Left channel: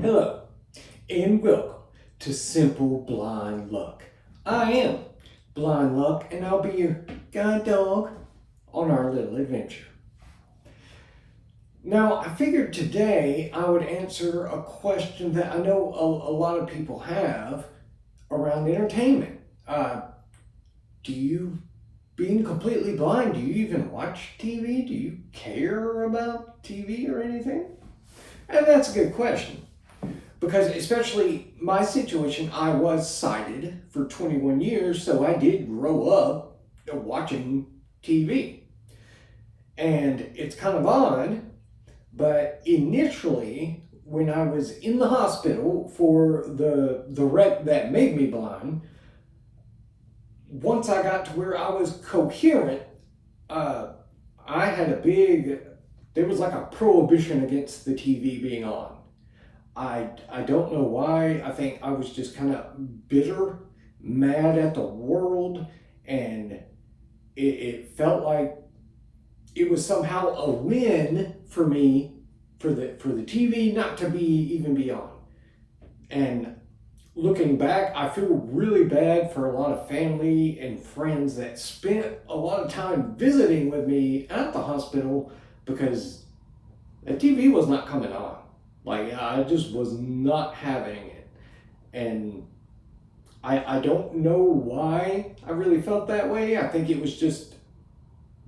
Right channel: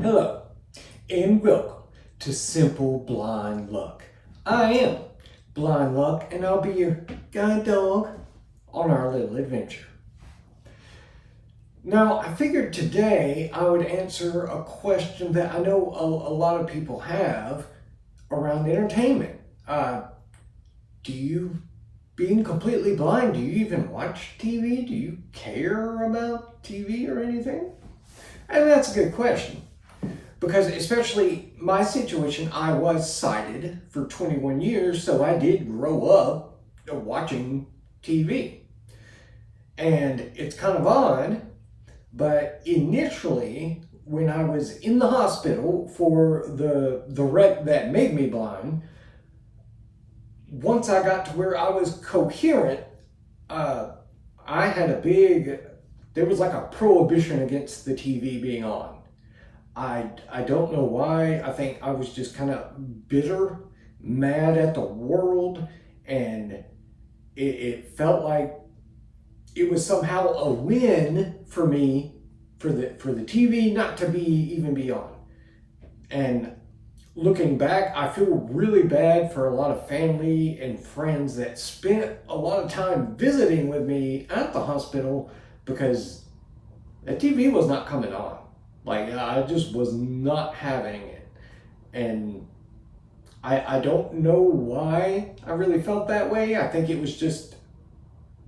Hello, and welcome to Simple Blind Luck. I am Blind Luck, and I'll be your guide dog on our little adventure. Now, I figured today I would answer a question that I know a lot of people have around entertainment. Do you, being completely blind, do you even watch TV? Do you care about TV or anything? And that's a good question. Because especially my situation, I was sighted for 21 years, so I did grow up watching TV. And it's kind of odd, but initially, when I was in the hospital for the wreck that made me blind, once I got to where I was coherent, uh, I had there was like a prohibition against the TV being on. I don't know why. I think I was just kind of bitter, mad at the world, and it felt like it was somehow a win for me for the TV not to be on. And looking back, I feel really bad for a lot of family and friends that spent a lot of time visiting with me at the hospital because the TV was not coming on. Like, I just was not having it. And I don't know why I really felt that way. I think it was just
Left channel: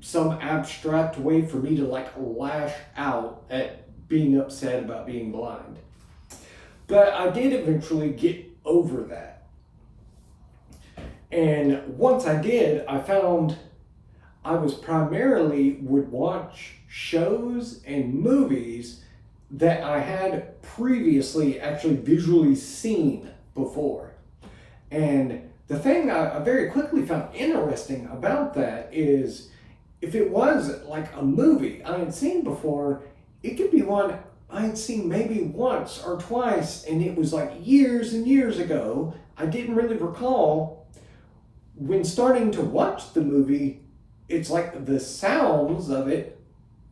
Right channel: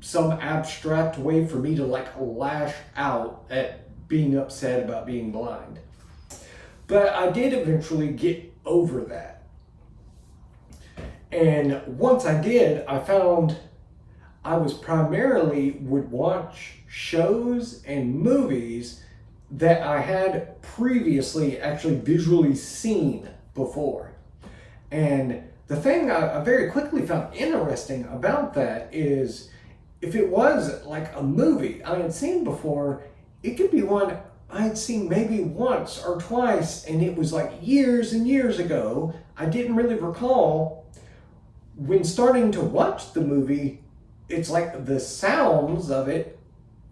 some abstract way for me to like lash out at being upset about being blind. But I did eventually get over that. And once I did, I found I was primarily would watch shows and movies that I had previously actually visually seen before. And the thing I very quickly found interesting about that is if it was like a movie I had seen before, it could be one I had seen maybe once or twice, and it was like years and years ago. I didn't really recall. When starting to watch the movie, it's like the sounds of it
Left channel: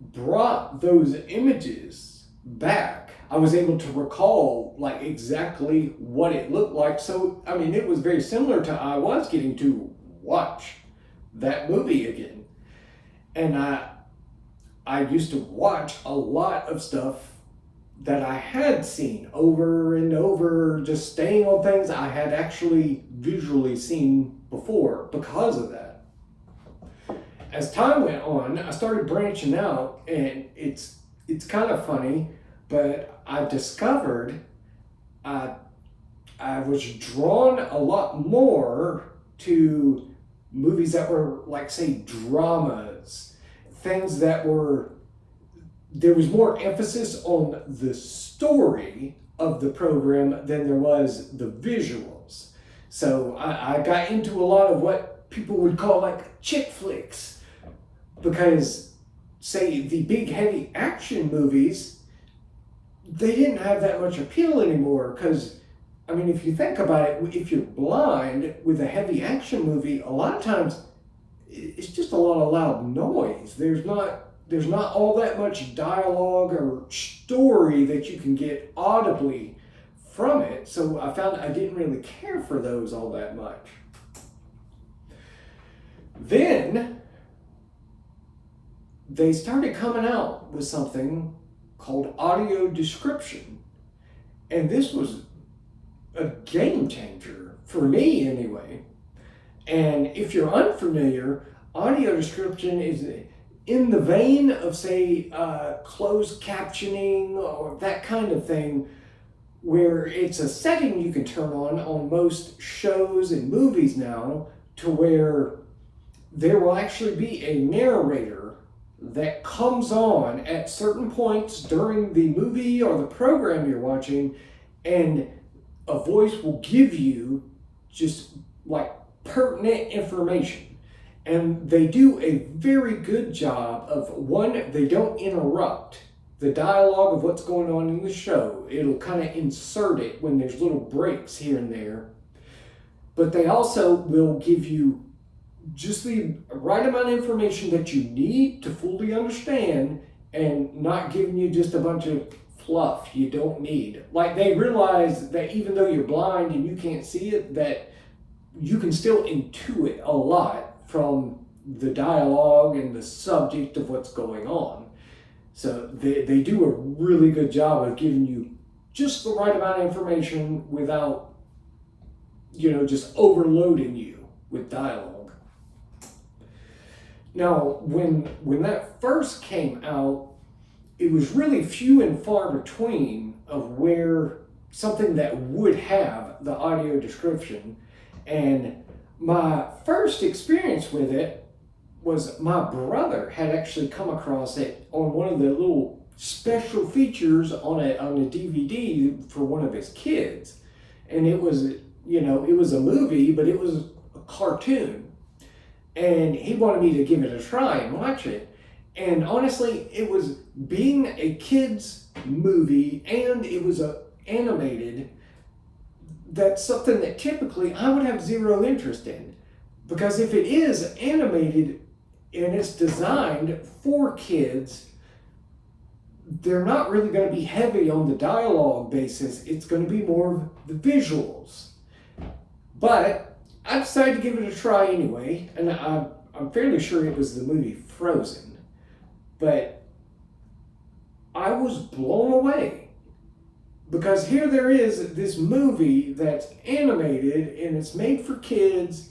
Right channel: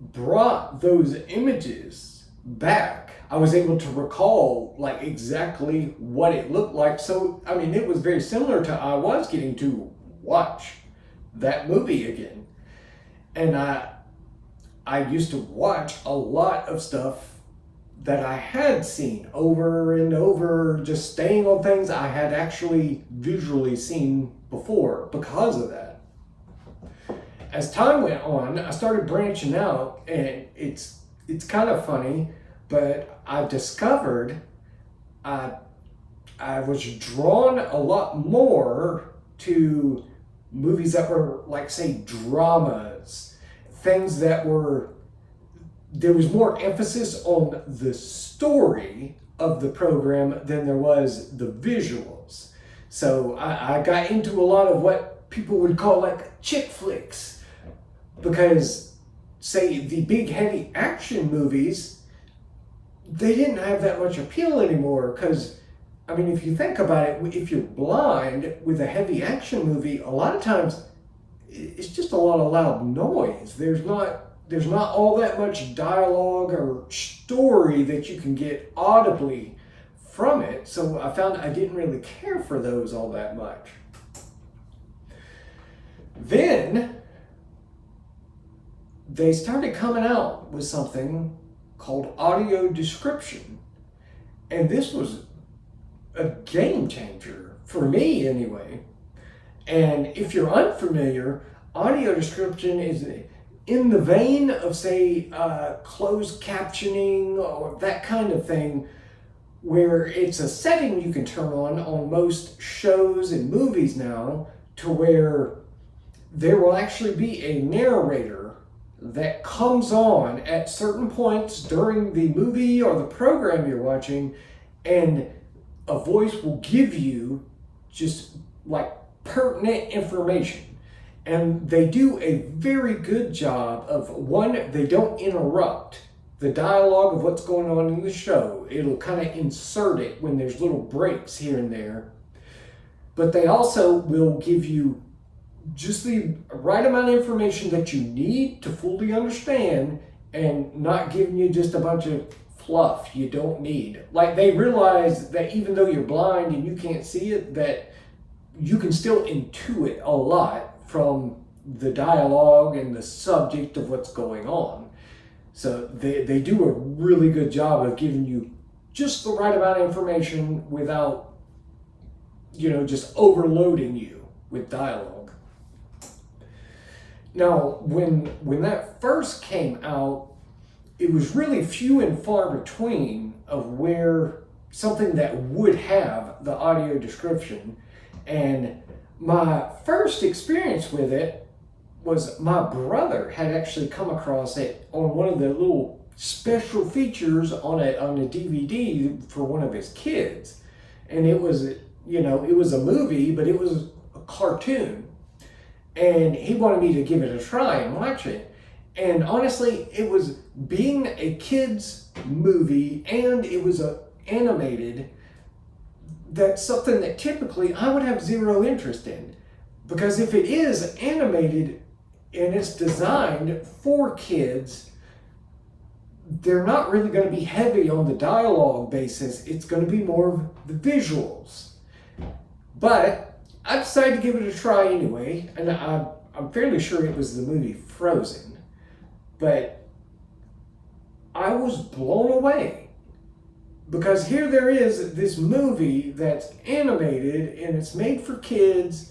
brought those images back. I was able to recall like exactly what it looked like. So, I mean, it was very similar to I was getting to watch that movie again. And I used to watch a lot of stuff that I had seen over and over, just staying on things I had actually visually seen before because of that. As time went on, I started branching out, and it's kind of funny, but I discovered I I was drawn a lot more to movies that were like say dramas, things that were there was more emphasis on the story of the program than there was the visuals. So I got into a lot of what people would call like chick flicks because, say, the big heavy action movies, they didn't have that much appeal anymore. Because, I mean, if you think about it, if you're blind with a heavy action movie, a lot of times it's just a lot of loud noise. There's not all that much dialogue or story that you can get audibly from it. So I found I didn't really care for those all that much. Then they started coming out with something called audio description. And this was a game changer for me anyway. And if you're unfamiliar, audio description is in the vein of, say, closed captioning or that kind of thing, where it's a setting you can turn on most shows and movies now, to where there will actually be a narrator that comes on at certain points during the movie or the program you're watching, and a voice will give you just like pertinent information. And they do a very good job of, one, they don't interrupt the dialogue of what's going on in the show. It'll kind of insert it when there's little breaks here and there. But they also will give you just the right amount of information that you need to fully understand, and not giving you just a bunch of fluff you don't need. Like, they realize that even though you're blind and you can't see it, that you can still intuit a lot from the dialogue and the subject of what's going on. So they do a really good job of giving you just the right amount of information without, just overloading you with dialogue. Now, when that first came out, it was really few and far between of where something that would have the audio description. And my first experience with it was my brother had actually come across it on one of the little special features on a DVD for one of his kids. And it was, it was a movie, but it was a cartoon. And he wanted me to give it a try and watch it. And honestly, it was being a kid's movie and it was animated. That's something that typically I would have zero interest in. Because if it is animated and it's designed for kids, they're not really going to be heavy on the dialogue basis. It's going to be more of the visuals. But I decided to give it a try anyway, and I'm fairly sure it was the movie Frozen. But I was blown away. Because here there is this movie that's animated and it's made for kids,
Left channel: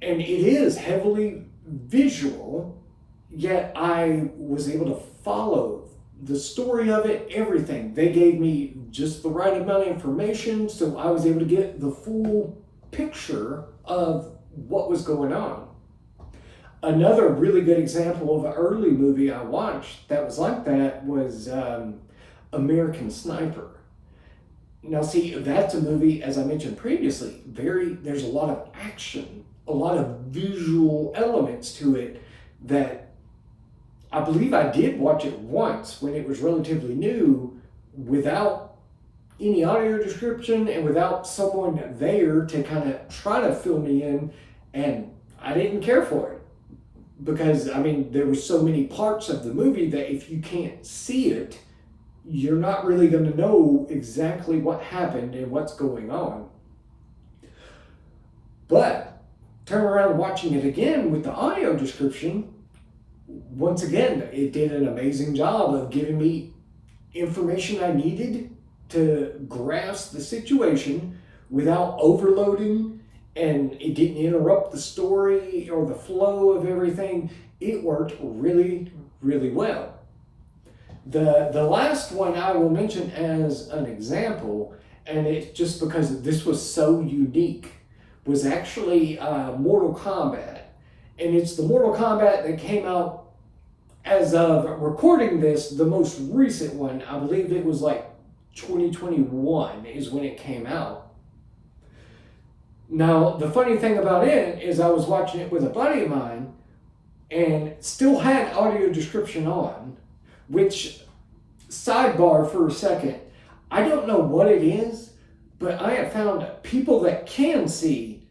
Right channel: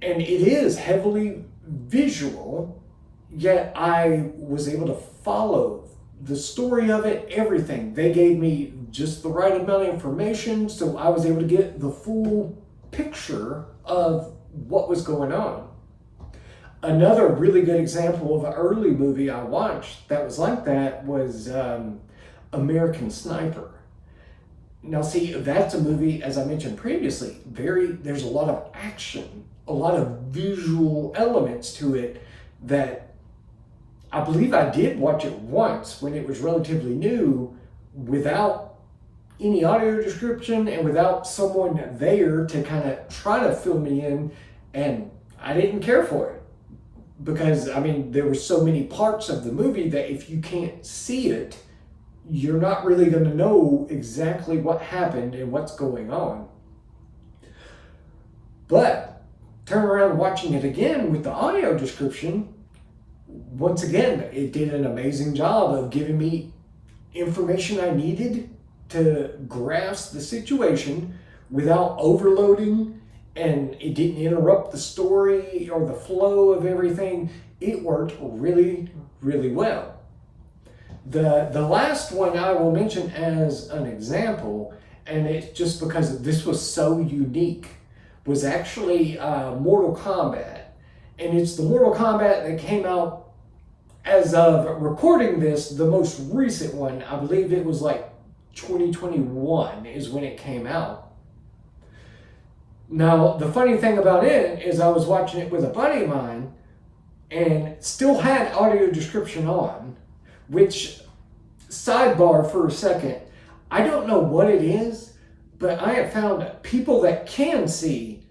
and it is heavily visual, yet I was able to follow the story of it, everything. They gave me just the right amount of information, so I was able to get the full picture of what was going on. Another really good example of an early movie I watched that was like that was American Sniper. Now see, that's a movie, as I mentioned previously, there's a lot of action, a lot of visual elements to it that I believe I did watch it once when it was relatively new without any audio description and without someone there to kind of try to fill me in, and I didn't care for it. Because, there were so many parts of the movie that if you can't see it, you're not really going to know exactly what happened and what's going on. But turn around watching it again with the audio description, once again, it did an amazing job of giving me information I needed to grasp the situation without overloading, and it didn't interrupt the story or the flow of everything. It worked really, really well. The last one I will mention as an example, and it's just because this was so unique, was actually Mortal Kombat. And it's the Mortal Kombat that came out, as of recording this, the most recent one. I believe it was like 2021 is when it came out. Now, the funny thing about it is I was watching it with a buddy of mine and still had audio description on, which, sidebar for a second, I don't know what it is, but I have found people that can see,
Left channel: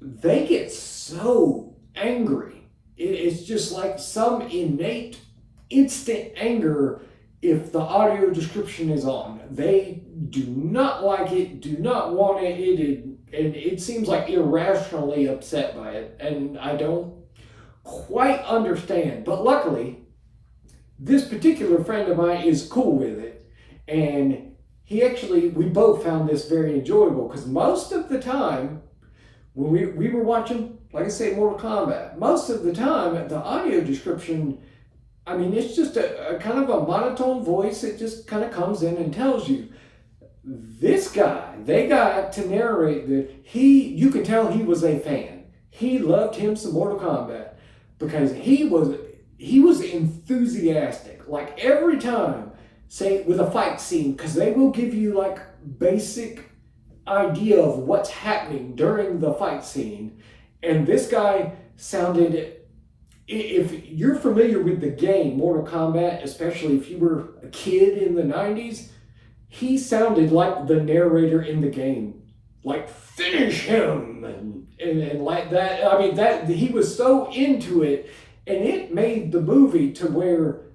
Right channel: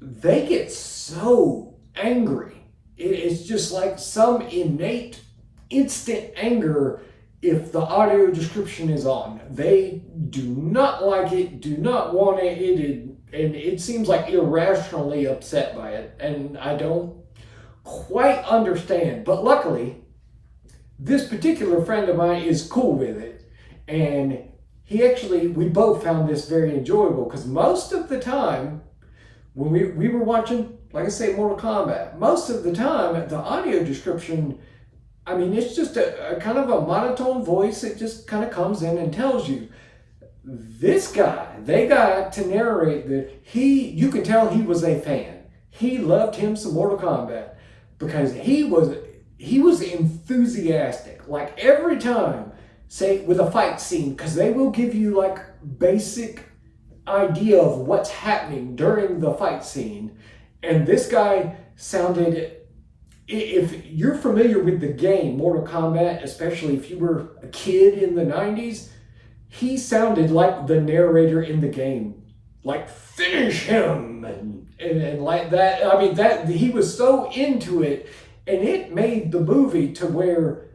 they get so angry. It's just like some innate, instant anger if the audio description is on. They do not like it, do not want it, and it seems like irrationally upset by it, and I don't quite understand. But luckily, this particular friend of mine is cool with it, and we both found this very enjoyable, because most of the time, when we were watching, like I say, Mortal Kombat, most of the time, the audio description, it's just a kind of a monotone voice. It just kind of comes in and tells you. This guy, they got to narrate you can tell he was a fan. He loved him some Mortal Kombat because he was enthusiastic. Like every time, say with a fight scene, because they will give you like basic idea of what's happening during the fight scene. And this guy sounded, if you're familiar with the game Mortal Kombat, especially if you were a kid in the 90s, he sounded like the narrator in the game, like finish him and like that. That he was so into it, and it made the movie to where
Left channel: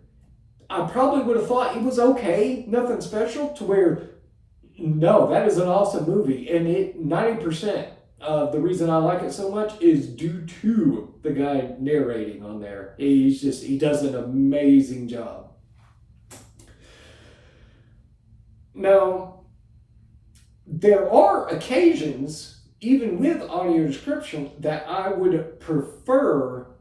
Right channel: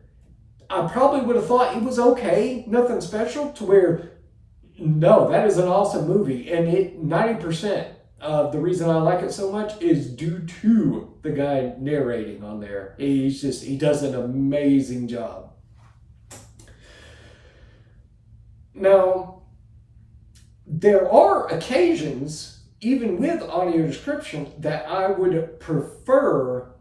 I probably would have thought it was okay, nothing special, to where, no, that is an awesome movie. And 90% of the reason I like it so much is due to the guy narrating on there. He does an amazing job. Now, there are occasions, even with audio description, that I would prefer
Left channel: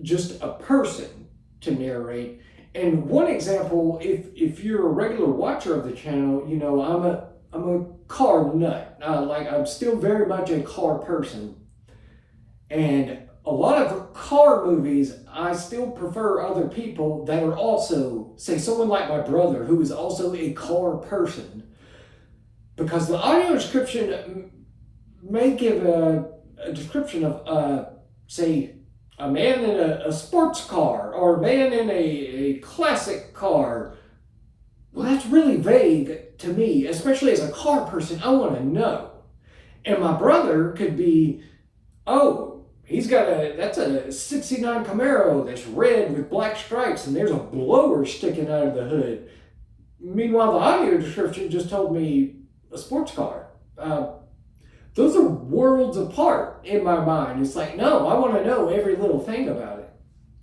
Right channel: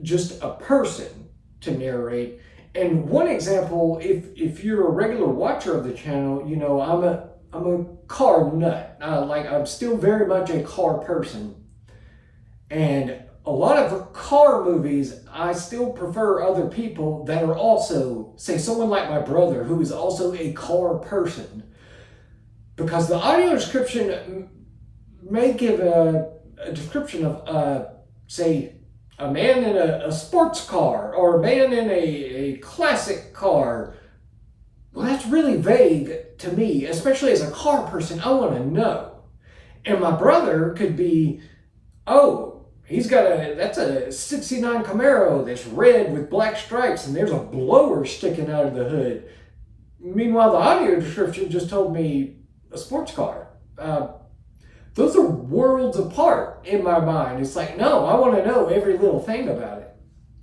just a person to narrate. And one example, if you're a regular watcher of the channel, you know I'm a car nut. I'm still very much a car person, and a lot of car movies, I still prefer other people that are also, say, someone like my brother, who is also a car person, because the audio description may give a description of, say, a man in a sports car or a man in a classic car. Well, that's really vague to me, especially as a car person. I want to know. And my brother could be, oh, that's a 69 Camaro that's red with black stripes and there's a blower sticking out of the hood. Meanwhile, the audio description just told me a sports car. Those are worlds apart in my mind. It's like, no, I want to know every little thing about it.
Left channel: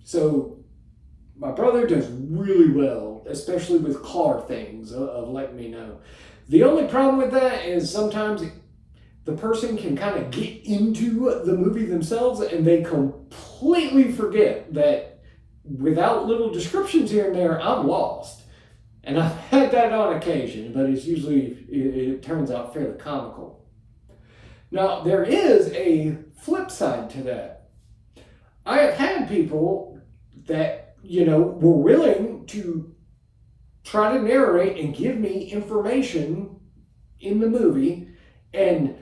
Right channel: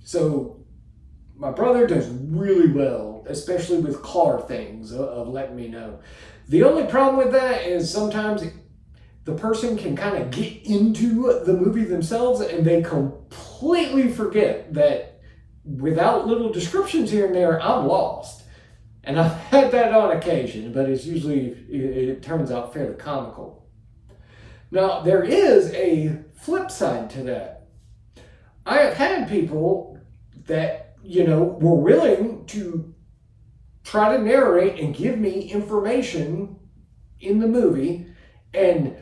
So my brother does really well, especially with car things, of letting me know. The only problem with that is sometimes the person can kind of get into the movie themselves and they completely forget that without little descriptions here and there, I'm lost. And I've had that on occasion, but it turns out fairly comical. Now, there is a flip side to that. I have had people that, were willing to try to narrate and give me information in the movie, and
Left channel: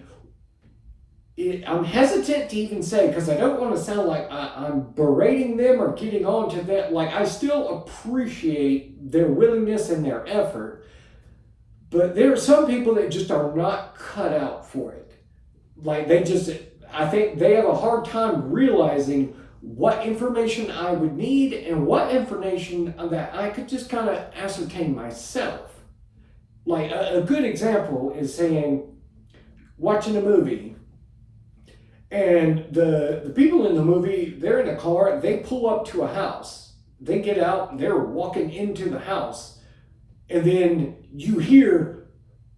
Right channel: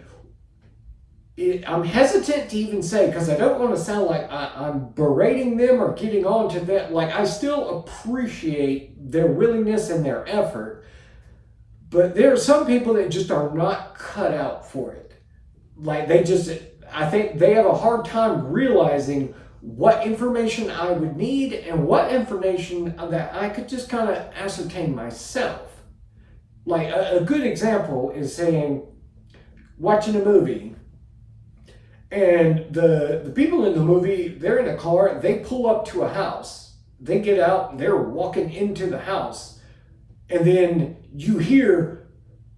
I'm hesitant to even say, because I don't want to sound like I'm berating them or getting on to that. Like, I still appreciate their willingness and their effort, but there are some people that just are not cut out for it. Like, I think they have a hard time realizing what information I would need and what information that I could just kind of ascertain myself. Like, a good example is saying, watching a movie, and the people in the movie, they're in a car, they pull up to a house, they get out, they're walking into the house, and then you hear,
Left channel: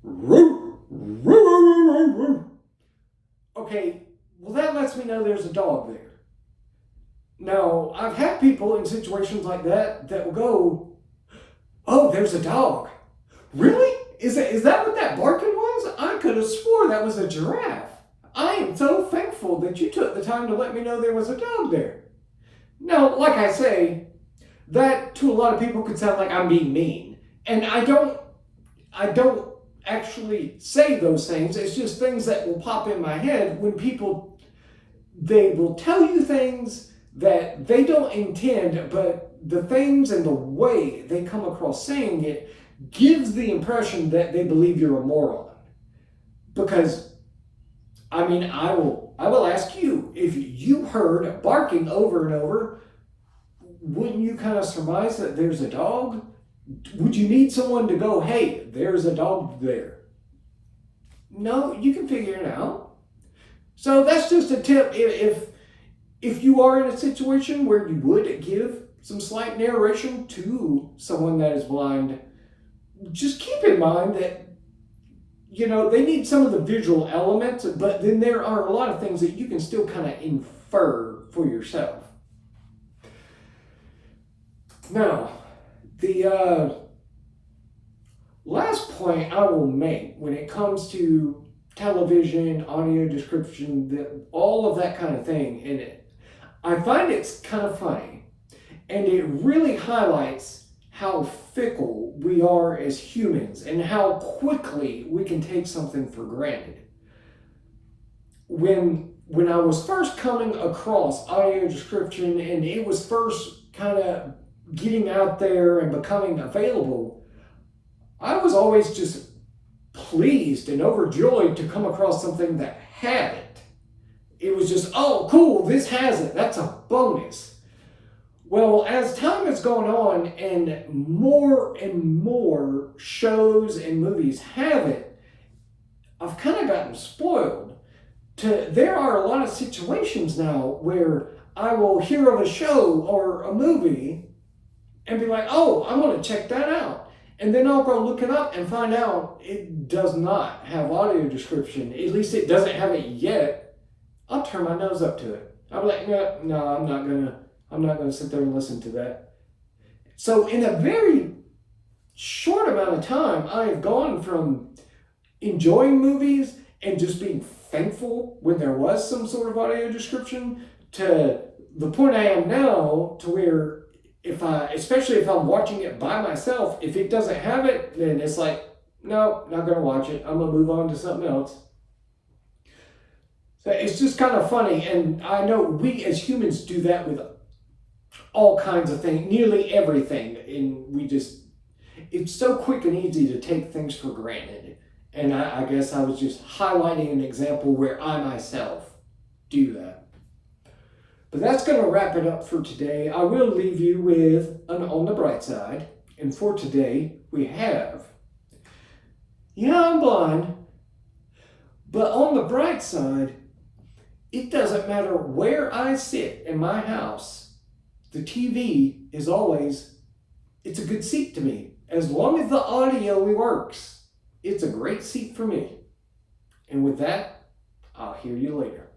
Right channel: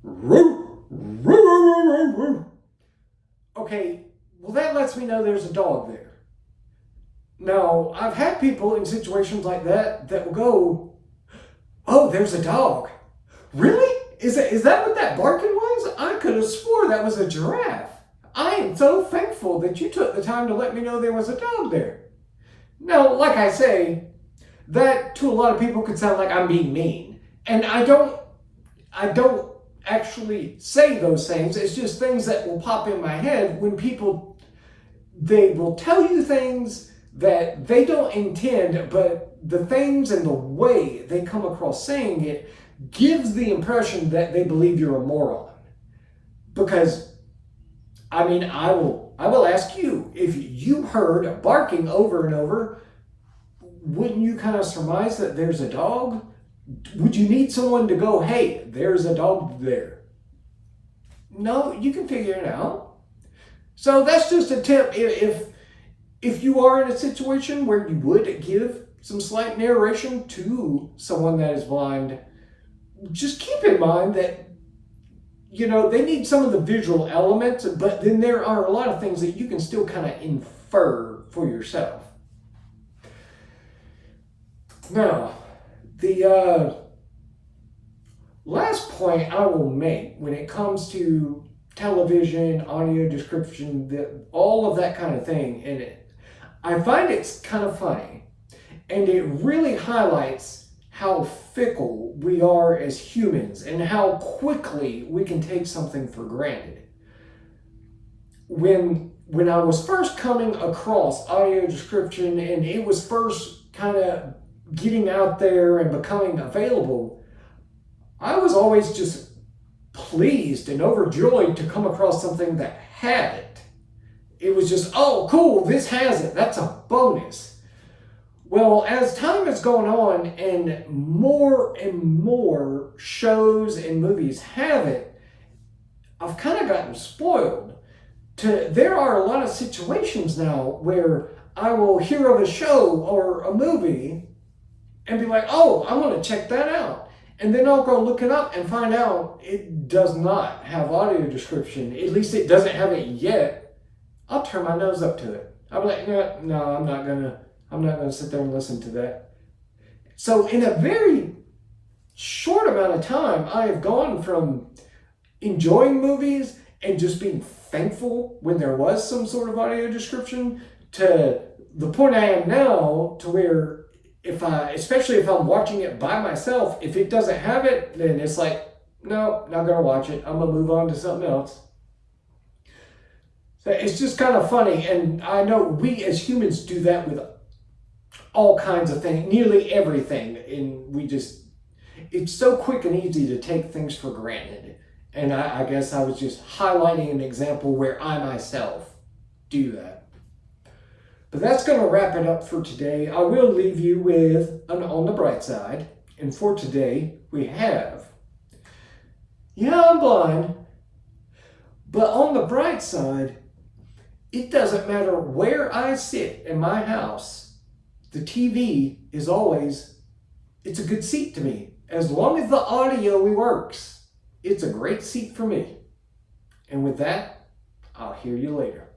roo, roo, roo, roo, roo. Okay, well, that lets me know there's a dog there. Now, I've had people in situations like that will go, oh, there's a dog. Really? Is that what that barking was? I could have swore that was a giraffe. I am so thankful that you took the time to let me know there was a dog there. Now, like I say, that to a lot of people could sound like I'm being mean. And I don't actually say those things. It's just things that will pop in my head when they will tell you things that they don't intend, but the things and the way they come across saying it gives the impression that they believe you're a moron. Because, I will ask you, if you heard barking over and over, wouldn't you kind of surmise that there's a dog? Would you need someone to go, hey, there's a dog there? No, you can figure it out. So that's just a tip. If you are in a situation where you would give some slight narration to someone that is blind, just keep in mind that, they need some of the visual elements, but then there are a lot of things that you can still kind of infer for yourself. Now, the last point I will make when it comes to television, audio description, all of that kind of thing in it, I find it's kind of funny, and it really highlights how fickle we are as humans and how quickly we can take something for granted. When I was first coming across audio description and it was first kind of getting out there and becoming available, I was always just pleased and overjoyed to come across something that had it. It was just, oh, cool, this has it. That's a bonus. Well, as time has gone on and more shows and movies have it, I've kind of gotten spoiled. There are a lot of situations now where I will hear of a show or a movie and be like, oh, I want to check that out. And then I'll go look it up and find out it does not have audio description. At least it doesn't have it yet. I'll turn my nose up to it. I'll be like, no, I'm not gonna sit there and listen to that. So in a very short amount of time, I have gone from enjoying movies and just being thankful when there was some sort of audio description to the point I am now, to where especially if I'm watching it by myself, if it doesn't have it, then it's like, no, not gonna watch it. I'm gonna move on to something else. So it's just kind of funny, and I know we as humans do that with all kinds of things, nearly everything, and it's so quick and easy to take things for granted. And I guess I was just highlighting an example where I myself do that. But that's going to wrap it up for today. I will leave you with an on the bright side. And for today, we have, yeah, I'm blind, but on the bright side, it doesn't matter where I sit in my house, the TV is always, it's a good seat to me. As long as the audio works, it's a great seat for me. And with that, I'll hear you later.